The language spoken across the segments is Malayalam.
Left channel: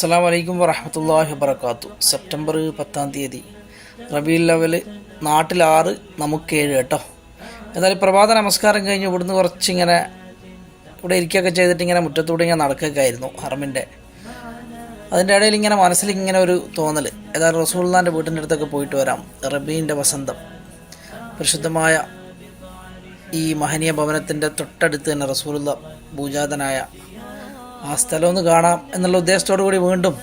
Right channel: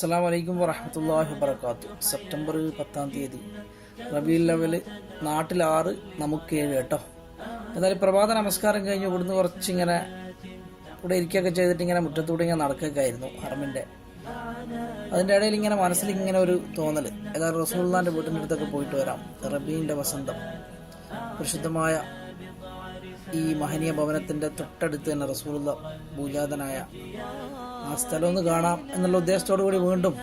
അസ്സാം വലൈക്കും വറഹമത്തല്ലാഹി വബർക്കാത്തു സെപ്റ്റംബർ പത്താം തീയതി. റബി ലെവൽ നാട്ടിൽ ആറ് നമുക്ക് ഏഴ് കേട്ടോ. എന്നാൽ പ്രഭാത നമസ്കാരം കഴിഞ്ഞ് ഇവിടുന്ന് കുറച്ചിങ്ങനെ ഇവിടെ ഇരിക്കുകയൊക്കെ ചെയ്തിട്ട് ഇങ്ങനെ മുറ്റത്തൂടെ ഇങ്ങനെ നടക്കുകയൊക്കെ ആയിരുന്നു ഹറമിന്റെ. അതിന്റെ ഇടയിൽ ഇങ്ങനെ മനസ്സിൽ ഇങ്ങനെ ഒരു തോന്നൽ. ഏതായാലും റസൂൽദാന്റെ വീട്ടിന്റെ അടുത്തൊക്കെ പോയിട്ട് വരാം. റബീന്റെ വസന്തം. പരിശുദ്ധമായ ഈ മഹനീയ ഭവനത്തിന്റെ തൊട്ടടുത്ത് തന്നെ റസൂലുള്ള ഭൂജാതനായ ആ സ്ഥലം ഒന്ന് കാണാം എന്നുള്ള ഉദ്ദേശത്തോടു കൂടി വീണ്ടും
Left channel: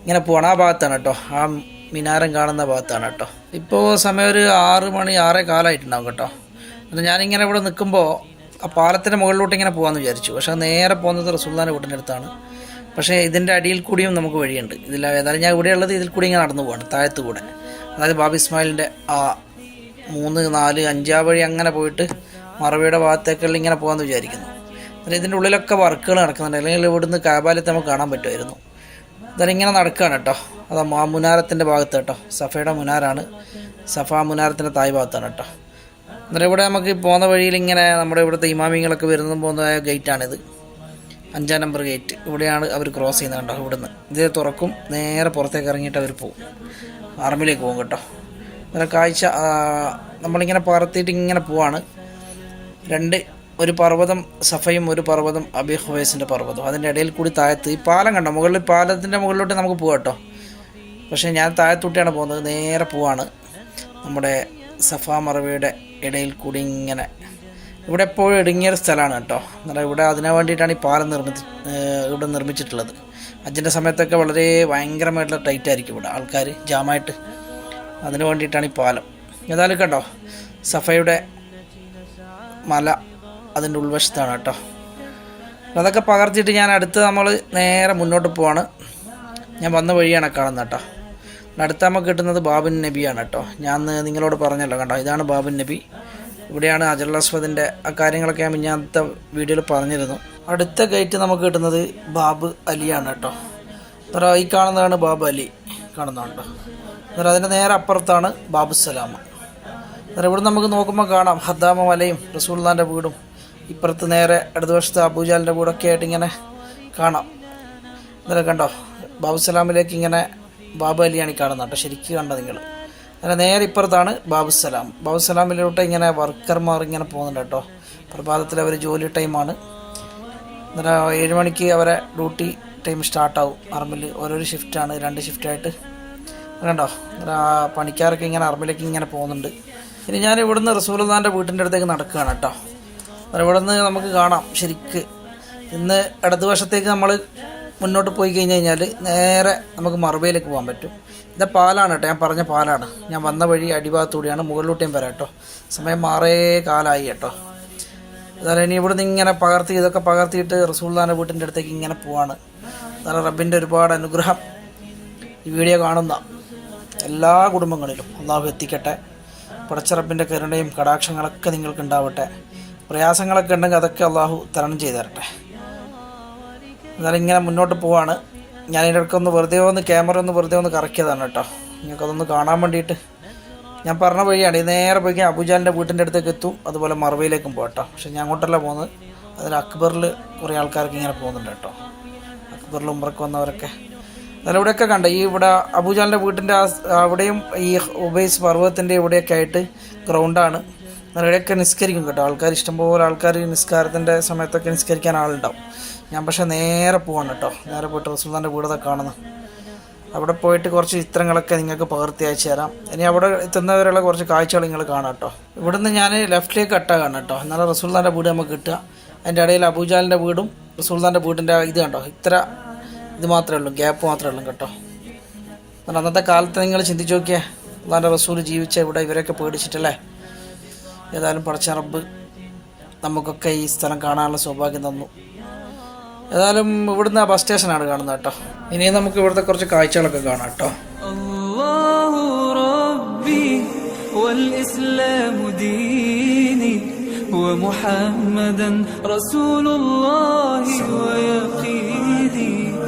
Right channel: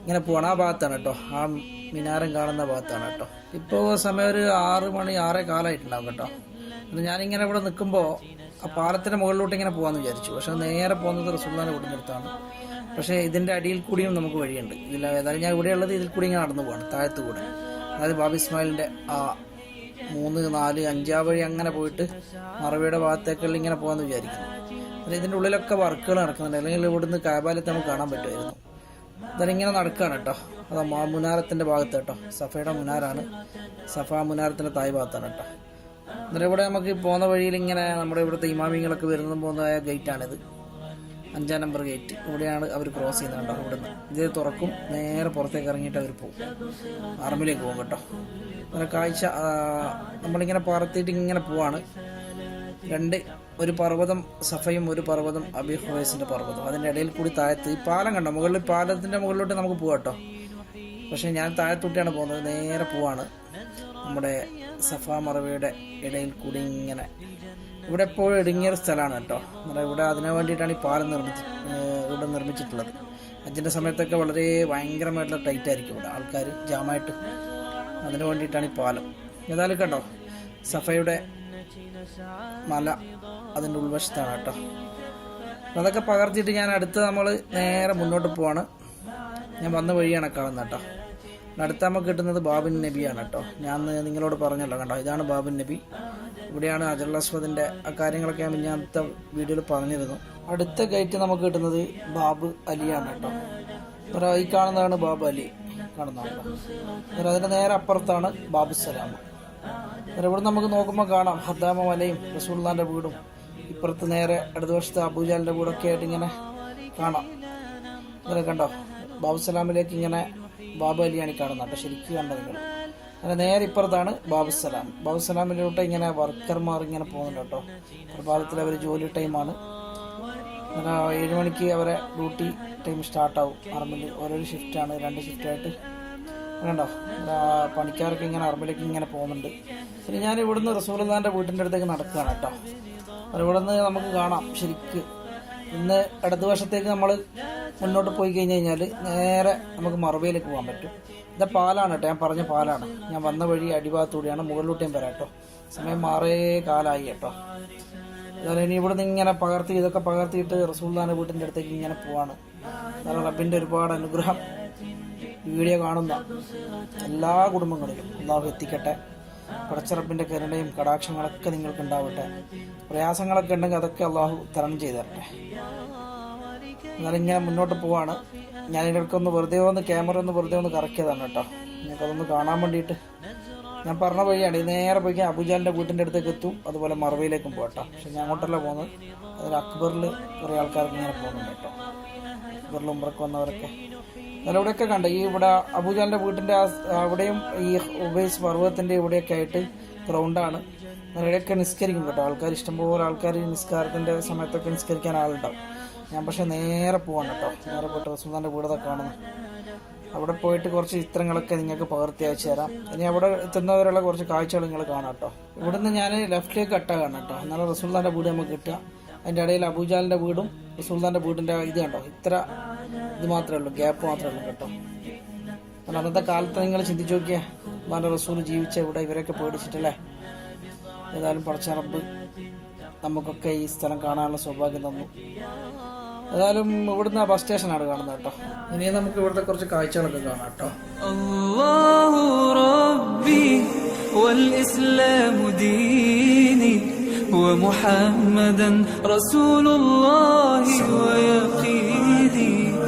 ഇങ്ങനെ പോകണം ആ ഭാഗത്താണ് കേട്ടോ. ആ മിനാരം കാണുന്ന ഭാഗത്താണ് കേട്ടോ. ഇപ്പോൾ സമയം ഒരു ആറ് മണി ആറേ കാലമായിട്ടുണ്ടാവും കേട്ടോ. എന്നാൽ ഞാനിങ്ങനെ ഇവിടെ നിൽക്കുമ്പോൾ ആ പാലത്തിന്റെ മുകളിലോട്ട് ഇങ്ങനെ പോകാമെന്ന് വിചാരിച്ചു. പക്ഷേ നേരെ പോകുന്നത് റസൂല്ലാന്റെ വീട്ടിന്റെ അടുത്താണ്. പക്ഷേ ഇതിന്റെ അടിയിൽ കൂടിയും നമുക്ക് വഴിയുണ്ട്. ഇതിൽ ഏതായാലും ഞാൻ ഇവിടെയുള്ളത് ഇതിൽ കൂടി ഇങ്ങനെ നടന്നു പോകണം താഴത്ത് കൂടെ അതായത് ബാബി ഇസ്മായിലിന്റെ ആ മൂന്ന് നാല് അഞ്ചാം വഴി അങ്ങനെ പോയിട്ട് മറവിയുടെ ഭാഗത്തേക്കുള്ള ഇങ്ങനെ പോകാമെന്ന് വിചാരിക്കുന്നു. എന്നിട്ട് ഇതിന്റെ ഉള്ളിലൊക്കെ വർക്കുകൾ നടക്കുന്നുണ്ട്. അല്ലെങ്കിൽ ഇവിടുന്ന് കാബാലത്ത് നമുക്ക് കാണാൻ പറ്റുമായിരുന്നു. ഇങ്ങനെ നടക്കുകയാണ് കേട്ടോ. അത് മുനാരത്തിന്റെ ഭാഗത്ത് കേട്ടോ. സഫയുടെ മുനാരാണ്. സഫ മുനാരത്തിന്റെ തായ് ഭാഗത്താണ് കേട്ടോ. എന്നിട്ട് ഇവിടെ നമുക്ക് പോകുന്ന വഴിയിൽ ഇങ്ങനെ നമ്മുടെ ഇവിടുത്തെ ഇമാമിങ്ങളൊക്കെ വരുന്നതും പോകുന്ന ഗേറ്റാണിത്. അഞ്ചാം നമ്പർ ഗേറ്റ്. ഇവിടെയാണ് അവർ ക്രോസ് ചെയ്യുന്നത് കേട്ടോ ഇവിടുന്ന്. ഇത് തുറക്കും. നേരെ പുറത്തേക്ക് ഇറങ്ങിയിട്ട് അവർ പോകും ആർമിലേക്ക് പോകും കേട്ടോ. അങ്ങനെ കാഴ്ച നമ്മളിങ്ങനെ പറത്തിയിട്ട് ഇങ്ങനെ പോവാണ്. രണ്ട് ഒരു പർവതം സഫയും ഒരു പർവതം അബി ഹുവൈസിന്റെ പർവതം. അതിന്റെ ഇടയിൽ കൂടി താഴത്ത് ഈ പാലം കണ്ടോ? മുകളിൽ പാലത്തിന്റെ മുകളിലോട്ട് നമുക്ക് പോകാം കേട്ടോ. പക്ഷേ ഞാൻ താഴത്തൂട്ടിയാണ് പോകുന്നത്. നേരെ പോവാണ്. നമ്മുടെ സഫ മറവിയുടെ ഇടയിൽ കൂടി ഇങ്ങനെ. ഇവിടെ എപ്പോഴും ഇടുങ്ങിയൊരു സ്ഥലമാണ് കേട്ടോ. എന്നാൽ ഇവിടെ അതിനു വേണ്ടിയിട്ടാണ് ഈ പാലം നിർമ്മിച്ച് ഇവിടെ നിർമ്മിച്ചിട്ടുള്ളത്. അച്ഛന്റെ സമയത്തൊക്കെ വളരെ ഭയങ്കരമായിട്ടുള്ള ടൈറ്റ് ആയിരിക്കും ഇവിടെ ആൾക്കാർ ജാമായിട്ട്. അതിനു വേണ്ടിയിട്ടാണ് ഈ പാലം. ഏതായാലും കേട്ടോ സഫയുടെ മല അതിന്റെ ഉൾവശത്താണ് കേട്ടോ. അതൊക്കെ പകർത്തിയിട്ട് ഞാൻ അടുത്ത് നമ്മൾ നേരെ മുന്നോട്ട് പോവാണ്. ഞാൻ വന്ന വഴിയാണ് കാണുന്നത് കേട്ടോ. അടുത്ത നമുക്ക് കിട്ടുന്നത് ബാബുൻ നബിയാണ് കേട്ടോ. ഞാൻ നിങ്ങളോട് പറഞ്ഞല്ലോ കണ്ടോ ഇതാണ് ബാബുൻ നബി. ഇവിടെയാണ് അജൽ അസ്വദിന്റെ ആ കാര്യങ്ങളൊക്കെ ഞാൻ മിഞ്ഞാത്ത വീഡിയോയിൽ പറഞ്ഞിരുന്നു. അടുത്ത ഗേറ്റ് നമുക്ക് കിട്ടുന്നത് ബാബ് അലിയാണ് കേട്ടോ. എന്നിട്ട് ഈ കാണുന്നതാണ് ബാബ് അലി കാണുന്നുണ്ട് എന്നിട്ട് അതിന്റെ നേരെ അപ്പുറത്താണ് ബാബു സലാമ എന്നിട്ട് ഇവിടെ നമുക്ക് നോക്കുമ്പോൾ കാണാം. ഹദ്ദാമ മലയും റസൂൽദാന്റെ വീടും. ഇപ്പുറത്ത് നേരെ അടുത്ത ഇടതുവശത്ത് അബൂജാലിന്റെ കൂടെ ഒക്കെ ആയിട്ട് ഇങ്ങനെ കാണാം. ഇന്നലെ കണ്ടോ? ബാബു സലാമിലേക്ക് ഇങ്ങനെ ബാബു അലിയാണ് കാണുന്നത് ശരിക്കും കണ്ടോ നിങ്ങൾ? അങ്ങനെ നേരെ ഇപ്പുറത്താണ് ബാബു സലാം ബാബു സലാമിലോട്ട് ഇങ്ങനെ വർക്കർമാർ ഇങ്ങനെ പോകുന്നുണ്ട് കേട്ടോ. പ്രഭാതത്തിൽ അവർ ജോലി ടൈമാണ് എന്നിട്ട് ഏഴ് മണിക്ക് അവരെ ഡ്യൂട്ടി ടൈം സ്റ്റാർട്ടാവും അർമിൽ ഓരോരോ ഷിഫ്റ്റാണ് രണ്ട് ഷിഫ്റ്റായിട്ട് കണ്ടോ? പണിക്കാരൊക്കെ ഇങ്ങനെ അർമിലേക്ക് ഇങ്ങനെ പോകുന്നുണ്ട്. ഇനി ഞാൻ ഇവിടുന്ന് റസൂൽദാന്റെ വീട്ടിന്റെ അടുത്തേക്ക് നടക്കുകയാണ് കേട്ടോ. ഇവിടെ നിന്ന് നമുക്ക് കാണാം ശരിക്ക്. ഇന്ന് ഇടതുവശത്തേക്ക് നമ്മൾ മുന്നോട്ട് പോയി കഴിഞ്ഞ് കഴിഞ്ഞാൽ നേരെ നമുക്ക് മറുപയിലേക്ക് പോകാൻ പറ്റും. ഇത് പാലാണ് കേട്ടോ ഞാൻ പറഞ്ഞ പാലാണ്. ഞാൻ വന്ന വഴി അടിഭാഗത്തൂടെയാണ് മുകളിലോട്ടേം വരാം കേട്ടോ. സമയം മാറേ കാലമായി കേട്ടോ. അതായത് ഇനി ഇവിടുന്ന് ഇങ്ങനെ പകർത്തി ഇതൊക്കെ പകർത്തിയിട്ട് റസൂൽദാന്റെ വീട്ടിന്റെ അടുത്തേക്ക് ഇങ്ങനെ പോവാണ്. അതാണ് റബ്ബിന്റെ ഒരുപാട് അനുഗ്രഹം ഈ വീഡിയോ കാണുന്ന എല്ലാ കുടുംബങ്ങളിലും. അള്ളാഹു എത്തിക്കട്ടെ. പടച്ച റബ്ബിന്റെ കരുണയും കടാക്ഷങ്ങളൊക്കെ നിങ്ങൾക്ക് ഉണ്ടാവട്ടെ. പ്രയാസങ്ങളൊക്കെ ഉണ്ടെങ്കിൽ അതൊക്കെ അള്ളാഹു തരണം ചെയ്തു തരട്ടെ. എന്നാലും ഇങ്ങനെ മുന്നോട്ട് പോവാണ്. ഞാൻ ഇതിന്റെ ഇടയ്ക്ക് ഒന്ന് വെറുതെ ഒന്ന് ക്യാമറ ഒന്ന് വെറുതെ ഒന്ന് കറക്കിയതാണ് കേട്ടോ. നിങ്ങൾക്കതൊന്ന് കാണാൻ വേണ്ടിയിട്ട്. ഞാൻ പറഞ്ഞ വഴിയാണ്. ഇത് നേരെ പോയി അബുജാലിന്റെ വീട്ടിന്റെ അടുത്തേക്ക് എത്തും. അതുപോലെ മറവയിലേക്കും പോകട്ടോ കേട്ടോ. പക്ഷെ ഞാൻ അങ്ങോട്ടല്ല പോകുന്നത്. അതിൽ അക്ബറിൽ കുറേ ആൾക്കാർക്ക് ഇങ്ങനെ പോകുന്നുണ്ട് കേട്ടോ. അക്ബറിൽ ഉമ്പറക്ക് വന്നവരൊക്കെ. എന്നാലും ഇവിടെയൊക്കെ കണ്ട. ഈ ഇവിടെ അബൂജാലിന്റെ വീട്ടിന്റെ അവിടെയും ഈ ഉബൈസ് പർവതത്തിന്റെ ഇവിടെയൊക്കെ ആയിട്ട് ഗ്രൗണ്ടാണ് എന്നാൽ ഇവിടെയൊക്കെ നിസ്കരിക്കും കേട്ടോ. ആൾക്കാർ ഇഷ്ടംപോലെ ആൾക്കാർ നിസ്കാരത്തിന്റെ സമയത്തൊക്കെ നിസ്കരിക്കാൻ ആളുണ്ടാവും. ഞാൻ പക്ഷേ നേരെ പോവാണ് കേട്ടോ. നേരെ പോയിട്ട് റസൂൽദാന്റെ വീടൊക്കെ കാണുന്നത് അവിടെ പോയിട്ട് കുറച്ച് ചിത്രങ്ങളൊക്കെ നിങ്ങൾക്ക് പകർത്തി അയച്ചു തരാം. ഇനി അവിടെ എത്തുന്നവരുള്ള കുറച്ച് കാഴ്ചകൾ നിങ്ങൾ കാണാം കേട്ടോ. ഇവിടുന്ന് ഞാൻ ലെഫ്റ്റിലേക്ക് കട്ടാ കാണാം കേട്ടോ. എന്നാലും റസൂൽദാന്റെ വീട് നമുക്ക് കിട്ടുക. അതിന്റെ ഇടയിൽ അബൂജാലിന്റെ വീടും റസൂൽദാന്റെ വീടിന്റെ ഇത് കണ്ടോ? ഇത്ര ഇത് മാത്രമേ ഉള്ളൂ ഗ്യാപ്പ് മാത്രമേ ഉള്ളൂ കേട്ടോ എന്നാൽ അന്നത്തെ കാലത്ത് നിങ്ങൾ ചിന്തിച്ച് നോക്കിയേ അള്ളാൻ്റെ റസൂൽ ജീവിച്ച ഇവിടെ ഇവരൊക്കെ പേടിച്ചിട്ടല്ലേ ഏതായാലും പടച്ച റബ്ബ് നമുക്കൊക്കെ ഈ സ്ഥലം കാണാനുള്ള സൗഭാഗ്യം തന്നു ഏതായാലും ഇവിടുന്ന് ആ ബസ് സ്റ്റേഷനാണ് കാണുന്നത് കേട്ടോ ഇനി നമുക്ക് ഇവിടുത്തെ കുറച്ച് കാഴ്ചകളൊക്കെ കാണാം കേട്ടോ الله ربي والإسلام ديني ومحمدا رسول الله ويقيني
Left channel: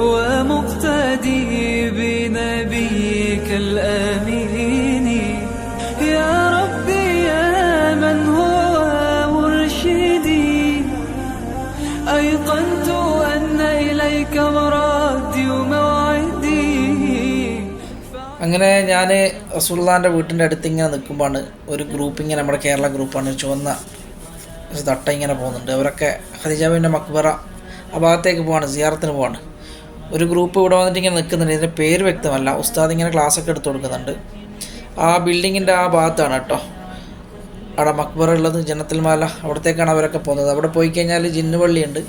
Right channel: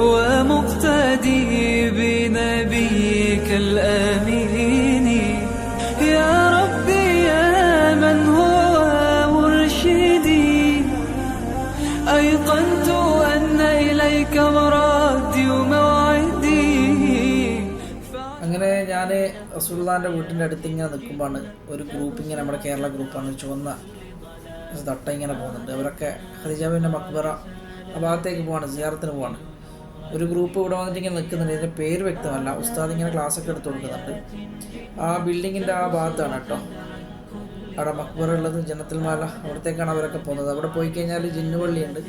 ومقتدي بنبيك الآمين يا ربي يا من هو مرشدي أيقنت أن إليك مرادي وموعدي അങ്ങനെ ഞാൻ റസൂള്ളാൻ്റെ വീട്ടിൻ്റെ അടുത്ത് ഇങ്ങനെ നിൽക്കുമ്പോഴാണ് ഒരു ഗ്രൂപ്പ് ഇങ്ങനെ നമ്മുടെ കേരള ഗ്രൂപ്പാണ് ചുവന്ന ഒരു തട്ട ഇങ്ങനെ പോകുന്നുണ്ട് അവരൊക്കെ ഖദിജാബിൻ്റെ മക്ബറ ആ ഭാഗത്തേക്ക് പോവാണ് സിയാറത്തിന് പോവാണ് ഒരു ഗ്രൂപ്പ് ഇവിടെ വന്നിട്ട് ഇങ്ങനെ നിൽക്കുന്നുണ്ട്. ഇതിന്റെ പേര് വ്യക്തമല്ല. ഉസ്താദ് ഇങ്ങനെ ക്ലാസ്സൊക്കെ എടുത്തു കൊടുക്കുന്നുണ്ട്. ആ ബിൽഡിങ്ങിന്റെ ആ ഭാഗത്താണ് കേട്ടോ. അവിടെ മക്ബറ ഉള്ളത് ജനത്തിൽ മാല അവിടത്തേക്കാണ് അവരൊക്കെ പോകുന്നത്. അവിടെ പോയി കഴിഞ്ഞാൽ ജിന്നുപള്ളിയുണ്ട്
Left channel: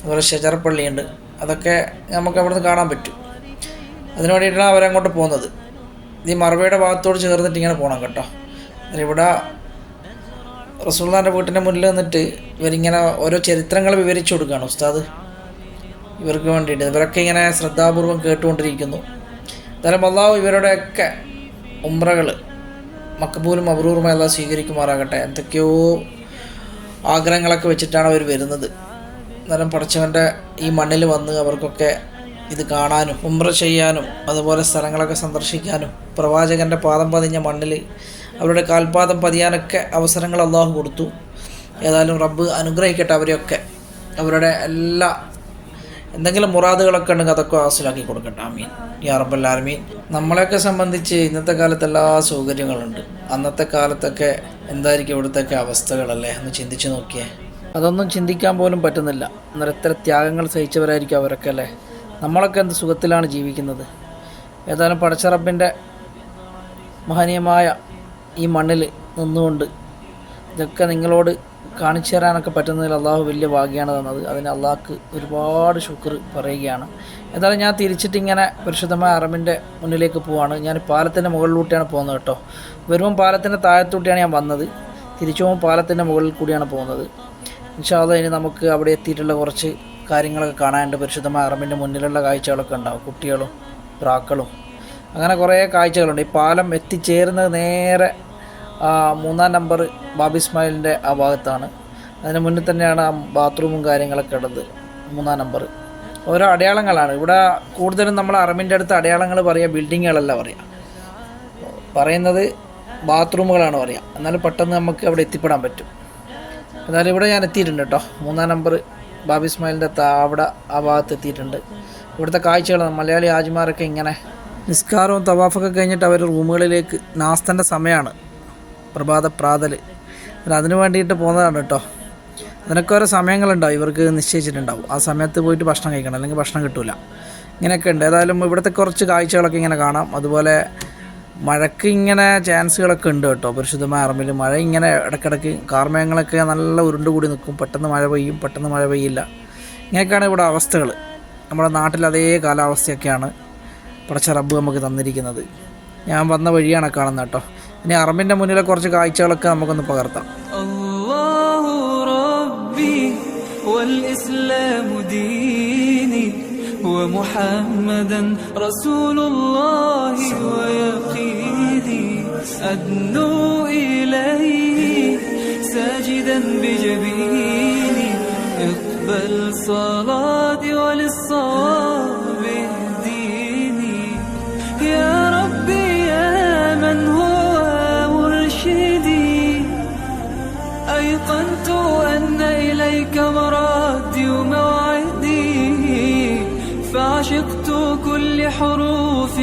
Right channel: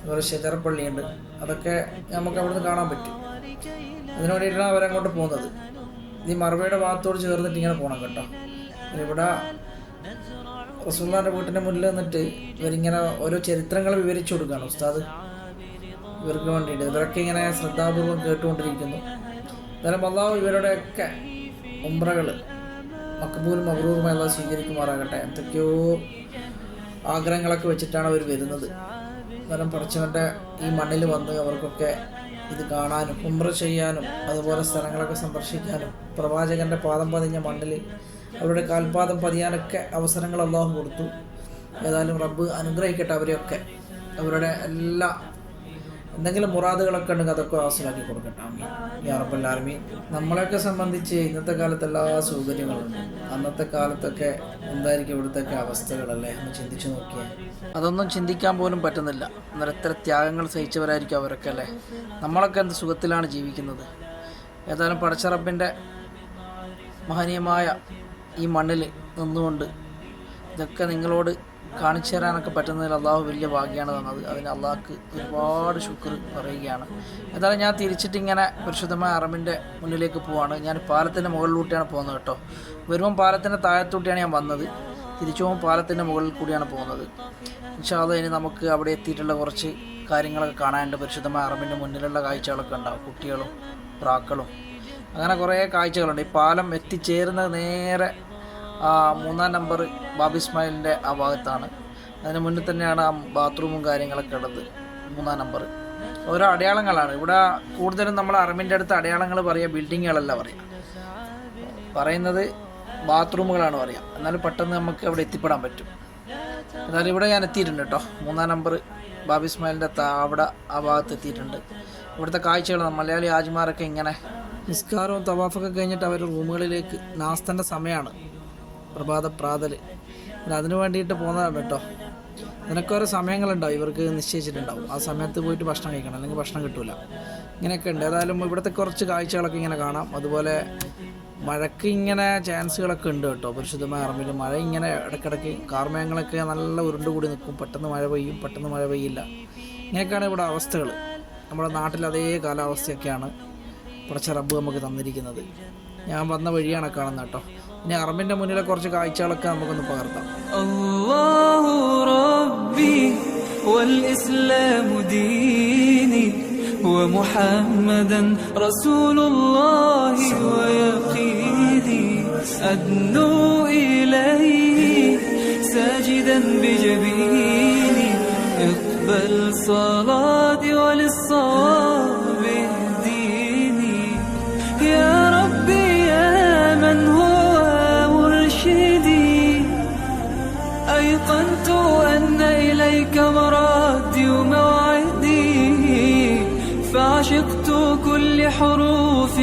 അതുപോലെ ഷജർ പള്ളിയുണ്ട്. അതൊക്കെ നമുക്ക് അവിടെ നിന്ന് കാണാൻ പറ്റും. അതിന് വേണ്ടിയിട്ടാണ് അവരങ്ങോട്ട് പോകുന്നത്. ഈ മറവയുടെ ഭാഗത്തോട് ചേർന്നിട്ട് ഇങ്ങനെ പോകണം കേട്ടോ. ഇവിടെ റസൂള്ളാന്റെ വീട്ടിന്റെ മുന്നിൽ നിന്നിട്ട് ഇവരിങ്ങനെ ഓരോ ചരിത്രങ്ങൾ വിവരിച്ചു കൊടുക്കുകയാണ് ഉസ്താദ്. ഇവർക്ക് വേണ്ടിയിട്ട്. ഇവരൊക്കെ ഇങ്ങനെ ശ്രദ്ധാപൂർവം കേട്ടുകൊണ്ടിരിക്കുന്നു. എന്നാലും അള്ളാഹു ഇവരുടെയൊക്കെ ഉമ്രകൾ മക്കബൂലും അബ്രൂറുമായി അള്ളാഹ് സ്വീകരിക്കുമാറാകട്ടെ. എന്തൊക്കെയോ ആഗ്രഹങ്ങളൊക്കെ വെച്ചിട്ടാണ് അവർ വരുന്നത്. അന്നേരം പഠിച്ചവന്റെ ഈ മണ്ണിൽ വന്ന് അവർക്കൊക്കെ ഇത് കാണാനും ഉമ്ര ചെയ്യാനും അതുപോലെ സ്ഥലങ്ങളൊക്കെ സന്ദർശിക്കാനും പ്രവാചകന്റെ പാദം പതിഞ്ഞ മണ്ണിൽ അവരുടെ കാൽപാദം പതിയാനൊക്കെ അവസരങ്ങൾ അള്ളാഹു കൊടുത്തു. ഏതായാലും റബ്ബ് അനുഗ്രഹിക്കട്ടെ അവരെയൊക്കെ. അവരുടെ എല്ലാ എന്തെങ്കിലും മുറാദുകളൊക്കെ ഉണ്ടെങ്കിൽ അതൊക്കെ ഹാസിലാക്കി കൊടുക്കട്ടെ. ആമീൻ. യാ റബ്ബൽ ആലമീൻ. നമ്മളെയൊക്കെ സംബന്ധിച്ച് ഇന്നത്തെ കാലത്ത് എല്ലാ സൗകര്യങ്ങളുണ്ട്. അന്നത്തെ കാലത്തൊക്കെ എന്തായിരിക്കും ഇവിടുത്തെയൊക്കെ അവസ്ഥകളല്ലേ? ഒന്ന് ചിന്തിച്ച് നോക്കിയേ. അതൊന്നും ചിന്തിക്കാൻ പോലും പറ്റുന്നില്ല. എന്നാൽ ഇത്ര ത്യാഗങ്ങൾ സഹിച്ചവരായിരിക്കും അവരൊക്കെ അല്ലേ? നമ്മളൊക്കെ എന്ത് സുഖത്തിലാണ് ജീവിക്കുന്നത്? ഏതായാലും പടച്ചറബിന്റെ മഹനീയമായ ഈ മണ്ണിൽ നിന്നുകൊണ്ട് ഇതൊക്കെ നിങ്ങളോട് കാണിച്ചു തരാനൊക്കെ പറ്റുന്നതിൽ അള്ളാഹു വലിയ ഭാഗ്യമാണ് തന്നത്. അതിന് അള്ളാഹ്ക്ക് ഒരുപാട് ശുക്ർ പറയുകയാണ്. എന്തായാലും ഞാൻ തിരിച്ചിട്ട് ഇങ്ങനെ പരിശുദ്ധമായ അറബിന്റെ മുന്നിലേക്ക് പോവാണ്. ഞാൻ പാലത്തിന്റെ മുകളിലൂട്ടിയാണ് പോകുന്നത് കേട്ടോ. വരുമ്പം പാലത്തിന്റെ താഴത്തൂട്ടിയാണ് ഞാൻ വന്നത്. തിരിച്ചു പോകുമ്പോൾ പാലത്തിന്റെ മുകളിൽ കൂടിയാണ് പോകുന്നത്. ഇൻഷാല്ല ഇനി നമുക്ക് അവിടെ എത്തിയിട്ടുള്ള കുറച്ച് കാര്യങ്ങളൊക്കെ കാണാനുണ്ട്. പരിശുദ്ധമായ അറബിന്റെ മുന്നിലുള്ള കാഴ്ചകളൊക്കെ ഉണ്ടാവും. കുട്ടികളും പ്രാക്കളും അങ്ങനെ കുറേ കാഴ്ചകളുണ്ട്. ഈ പാലം എത്തിച്ചേരുന്നത് നേരെ മൂന്നാം നമ്പർ ബാബി ഇസ്മായിലിന്റെ ആ ഭാഗത്താണ്. അതിന് മുന്നിൽ തന്നെയാണ് ആ ബാത്റൂമും കാര്യങ്ങളൊക്കെ ഉള്ളത് മൂന്നാം നമ്പർ. ഓരോ അടയാളങ്ങളാണ്. ഇവിടെ കൂടുതലും നമ്മൾ അറബിന്റെ അടുത്ത് അടയാളങ്ങൾ പറയുക ബിൽഡിങ്ങുകളല്ല പറയുക പറയുന്നത് ബാത്റൂമുകളാണ് പറയുക എന്നാലും പെട്ടെന്ന് നമുക്ക് അവിടെ എത്തിപ്പെടാൻ പറ്റും. എന്നാലും ഇവിടെ ഞാൻ എത്തിയിട്ടുണ്ട് കേട്ടോ. മൂന്നാം നമ്പർ ബാബി ഇസ്മായിലിന്റെ അവിടെ ആ ഭാഗത്ത് എത്തിയിട്ടുണ്ട്. ഇവിടുത്തെ കാഴ്ചകൾ മലയാളി ആജിമാരൊക്കെ ഇങ്ങനെ നിസ്കാരവും തവാഫൊക്കെ കഴിഞ്ഞിട്ട് അവർ റൂമുകളിലേക്ക് നാസ്തന്റെ സമയമാണ്. പ്രഭാത പ്രാതൽ അതിന് വേണ്ടിയിട്ട് പോകുന്നതാണ് കേട്ടോ. അതിനൊക്കെ ഓരോ സമയങ്ങളുണ്ടാവും. ഇവർക്ക് നിശ്ചയിച്ചിട്ടുണ്ടാവും. ആ സമയത്ത് പോയിട്ട് ഭക്ഷണം കഴിക്കണം. അല്ലെങ്കിൽ ഭക്ഷണം കിട്ടില്ല ഇങ്ങനെയൊക്കെ ഉണ്ട്. ഏതായാലും ഇവിടുത്തെ കുറച്ച് കാഴ്ചകളൊക്കെ ഇങ്ങനെ കാണാം. അതുപോലെ മഴയ്ക്ക് ഇങ്ങനെ ചാൻസുകളൊക്കെ ഉണ്ട് കേട്ടോ. പരിശുദ്ധമായ അറമ്പിൽ മഴ ഇങ്ങനെ ഇടയ്ക്കിടയ്ക്ക് കാർമേഘങ്ങളൊക്കെ നല്ല ഉരുണ്ട് കൂടി നിൽക്കും. പെട്ടെന്ന് മഴ പെയ്യും. പെട്ടെന്ന് മഴ പെയ്യില്ല. ഇങ്ങനെയൊക്കെയാണ് ഇവിടെ അവസ്ഥകൾ. നമ്മുടെ നാട്ടിൽ അതേ കാലാവസ്ഥയൊക്കെയാണ്. പടച്ച റബ്ബ് നമുക്ക് തന്നിരിക്കുന്നത്. ഞാൻ വന്ന വഴിയാണ് കാണുന്നത് കേട്ടോ. ഇനി അറബിൻ്റെ മുന്നിലെ കുറച്ച് കാഴ്ചകളൊക്കെ നമുക്കൊന്ന് പകർത്താം الله ربي والإسلام ديني ومحمدا رسول الله ويقيني أدنو إليه ساجدا بجبيني اقبل صلاتي وللصواب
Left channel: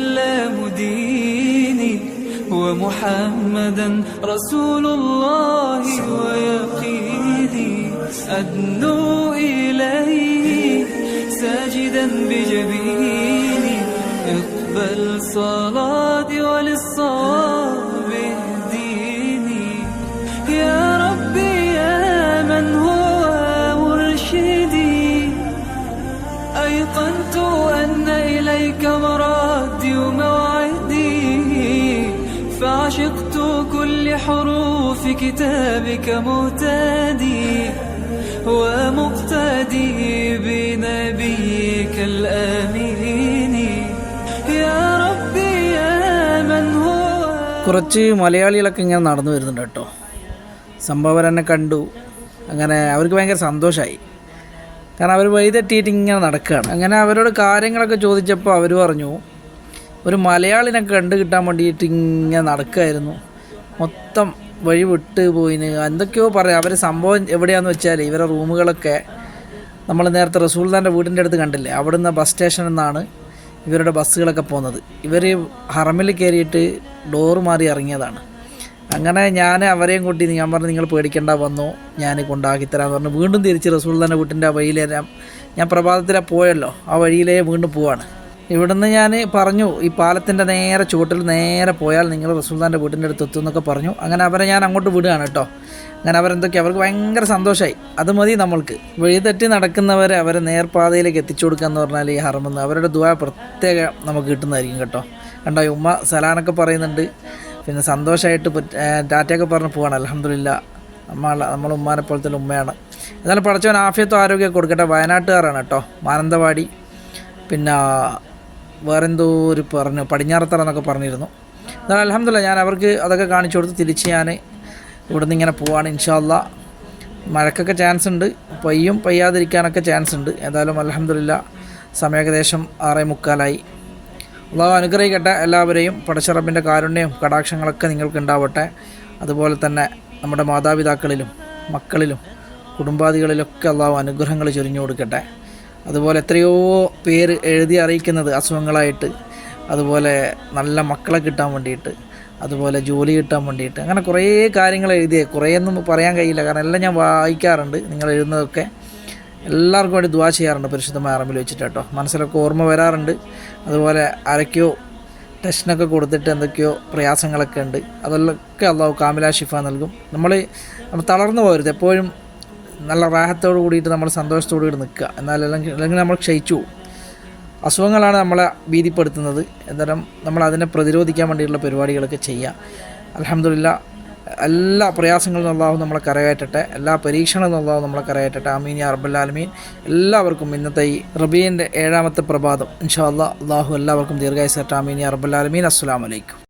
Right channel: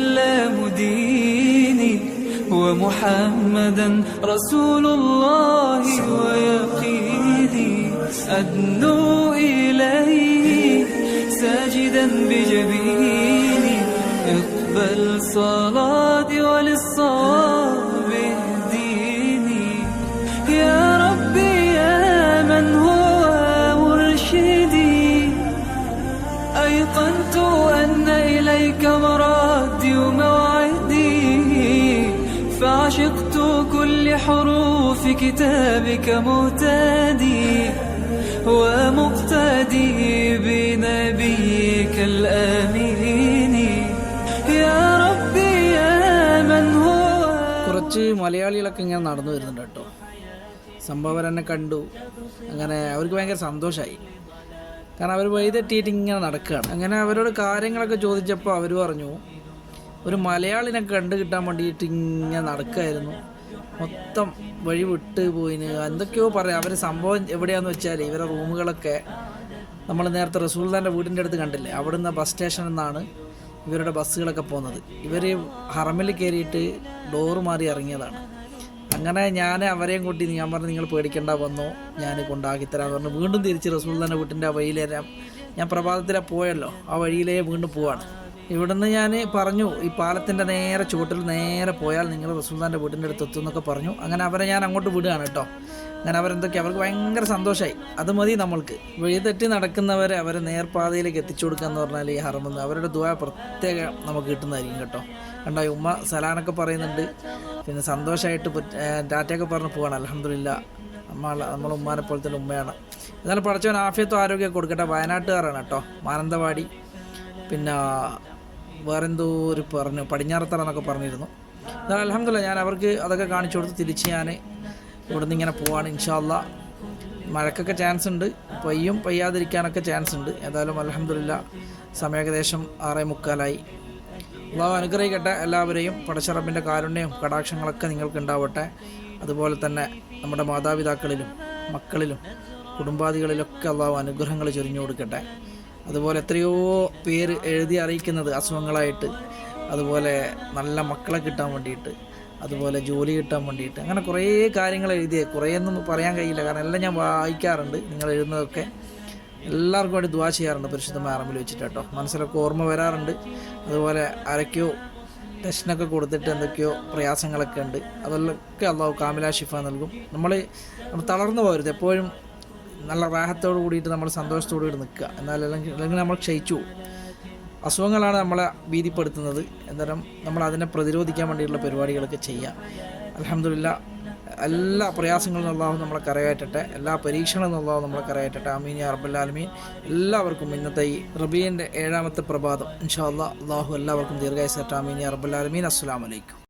والإسلام ديني ومحمدا رسول الله ويقيني. أدنو إليه ساجدا بجبيني. اقبل صلاتي حروف كتابك مهتدي ومقتدي بنبيك الآمين يا ربي يا من هو കുറച്ച് മലയാളികളൊക്കെ ഇങ്ങനെ നടന്നു വരുന്നുണ്ട് കേട്ടോ സംഭവം എന്നെ കണ്ടു അങ്ങനെ അവർക്ക് ഭയങ്കര സന്തോഷമായി കാരണം അവർ വഴിതെറ്റിയിട്ട് ഇങ്ങനെ നടക്കുകയാണ് അങ്ങനെ അവരോട് കാര്യങ്ങളൊക്കെ ചോദിച്ചപ്പോൾ അവർ പറഞ്ഞു ഒരു മലയാളിനെ കണ്ടു കിട്ടാൻ വേണ്ടിയിട്ട് ഇങ്ങനെ നടക്കുകയായിരുന്നു മൊത്തം വഴി വിട്ട് പോയിന്. എന്തൊക്കെയോ പറയാം. അവർ സംഭവം എവിടെയാണെന്ന് വെച്ചാൽ ഇവരെ റൂമുകളൊക്കെ നമ്മൾ നേരത്തെ റസൂൽദാന്റെ വീടിന്റെ അടുത്ത് കണ്ടില്ലേ? അവിടുന്ന് ബസ് സ്റ്റേഷനിൽ നിന്നാണ് ഇവരുടെ ബസ്സുകളൊക്കെ പോകുന്നത് ഇവർ ഹറമിൽ കയറിയിട്ട് ഡോറ് മാറി ഇറങ്ങിയതാണ്. അങ്ങനെ ഞാൻ അവരെയും കൂട്ടി ഞാൻ പറഞ്ഞു നിങ്ങൾ പേടിക്കേണ്ട വന്നു. ഞാൻ കൊണ്ടാക്കിത്തരാമെന്ന് പറഞ്ഞു. വീണ്ടും തിരിച്ച് റസൂൽദാന്റെ വീട്ടിന്റെ ആ ഞാൻ പ്രഭാതത്തിലെ പോയല്ലോ. ആ വഴിയിലേ വീണ്ടും പോവാണ്. ഇവിടുന്ന് ഞാൻ പറഞ്ഞു ഈ പാലത്തിന്റെ നേരെ ചുവട്ടിൽ നേരെ പോയാൽ നിങ്ങൾ റസൂൽദാന്റെ വീട്ടിന്റെ അടുത്ത് എത്തും എന്നൊക്കെ പറഞ്ഞു. അങ്ങനെ അവരെ ഞാൻ അങ്ങോട്ട് വിടുകയാണ് കേട്ടോ. അങ്ങനെ അവരെന്തൊക്കെ അവർക്ക് ഭയങ്കര സന്തോഷമായി അത് മതി നമ്മൾക്ക്. വഴിതെറ്റി നടക്കുന്നവരെ അവരെ നേർപാതയിലേക്ക് എത്തിച്ചു കൊടുക്കുക എന്ന് പറഞ്ഞാൽ ഈ ഹറമെന്ന് അവരുടെ ദുആ പ്രത്യേക നമുക്ക് കിട്ടുന്നതായിരിക്കും കേട്ടോ. കണ്ടോ ഉമ്മ സലാനൊക്കെ പറയുന്നുണ്ട്. പിന്നെ സന്തോഷമായിട്ട് ഡാറ്റയൊക്കെ പറഞ്ഞ് പോവാണ്. അലഹമില്ല നമ്മളെ നമ്മളെ ഉമ്മാനെ തന്നെ ഉമ്മയാണ്. എന്നാലും പഠിച്ചവൻ ആഫിയത്തും ആരോഗ്യമൊക്കെ കൊടുക്കട്ടെ. വയനാട്ടുകാരാണ് കേട്ടോ. മാനന്തവാടി. പിന്നെ വേറെന്തോ ഒരു പറഞ്ഞു പടിഞ്ഞാറത്തറ എന്നൊക്കെ പറഞ്ഞിരുന്നു. എന്നാൽ അലഹമില്ല ഞാൻ അവർക്ക് അതൊക്കെ കാണിച്ചു കൊടുത്ത് തിരിച്ച് ഞാൻ ഇവിടുന്ന് ഇങ്ങനെ പോവാണ് ഇൻഷാല്ല മഴക്കൊക്കെ ചാൻസ് ഉണ്ട് പെയ്യും പെയ്യാതിരിക്കാനൊക്കെ ചാൻസ് ഉണ്ട്. ഏതായാലും അലഹമില്ല സമയം ഏകദേശം ആറേ മുക്കാലായി. അള്ളാഹു അനുഗ്രഹിക്കട്ടെ എല്ലാവരെയും പടച്ചറബിന്റെ കാരുണ്യവും കടാക്ഷങ്ങളൊക്കെ നിങ്ങൾക്ക് ഉണ്ടാവട്ടെ. അതുപോലെ തന്നെ നമ്മുടെ മാതാപിതാക്കളിലും മക്കളിലും കുടുംബാദികളിലൊക്കെ അള്ളാഹു അനുഗ്രഹങ്ങൾ ചൊരിഞ്ഞു കൊടുക്കട്ടെ. അതുപോലെ എത്രയോ പേര് എഴുതി അറിയിക്കുന്നത് അസുഖങ്ങളായിട്ട്. അതുപോലെ നല്ല മക്കളെ കിട്ടാൻ വേണ്ടിയിട്ട്. അതുപോലെ ജോലി കിട്ടാൻ വേണ്ടിയിട്ട്. അങ്ങനെ കുറേ കാര്യങ്ങൾ എഴുതിയ. കുറേയൊന്നും പറയാൻ കഴിയില്ല. കാരണം എല്ലാം ഞാൻ വായിക്കാറുണ്ട് നിങ്ങൾ എഴുതുന്നതൊക്കെ. എല്ലാവർക്കും വേണ്ടി ദുവാ ചെയ്യാറുണ്ട് പരിശുദ്ധമായ അറമ്പിൽ വെച്ചിട്ട് കേട്ടോ. മനസ്സിലൊക്കെ ഓർമ്മ വരാറുണ്ട്. അതുപോലെ ആരൊക്കെയോ ടെസ്റ്റിനൊക്കെ കൊടുത്തിട്ട് എന്തൊക്കെയോ പ്രയാസങ്ങളൊക്കെ ഉണ്ട്. അതെല്ലാം അള്ളാഹു കാമില ഷിഫ നൽകും. നമ്മൾ നമ്മൾ തളർന്നു പോകരുത്. എപ്പോഴും നല്ല റാഹത്തോട് കൂടിയിട്ട് നമ്മൾ സന്തോഷത്തോടു കൂടി നിൽക്കുക. എന്നാൽ അല്ലെങ്കിൽ അല്ലെങ്കിൽ നമ്മൾ ക്ഷയിച്ചു. അസുഖങ്ങളാണ് നമ്മളെ ഭീതിപ്പെടുത്തുന്നത്. എന്തായാലും നമ്മൾ അതിനെ പ്രതിരോധിക്കാൻ വേണ്ടിയിട്ടുള്ള പരിപാടികളൊക്കെ ചെയ്യുക. അലഹമില്ല എല്ലാ പ്രയാസങ്ങളും നന്നാവും നമ്മളെ കരകയറ്റട്ടെ. എല്ലാ പരീക്ഷണവും നന്നാവും നമ്മളെ കരകയറ്റട്ടെ. അമീൻ യാ എല്ലാവർക്കും ഇന്നത്തെ ഈ റബീന്റെ ഏഴാമത്തെ പ്രഭാതം. ഇൻഷാ അള്ളാഹു എല്ലാവർക്കും ദീർഘായുസട്ടെ അമീൻ യാ റബ്ബല്ലാലമീൻ അസ്സലാമലൈക്കും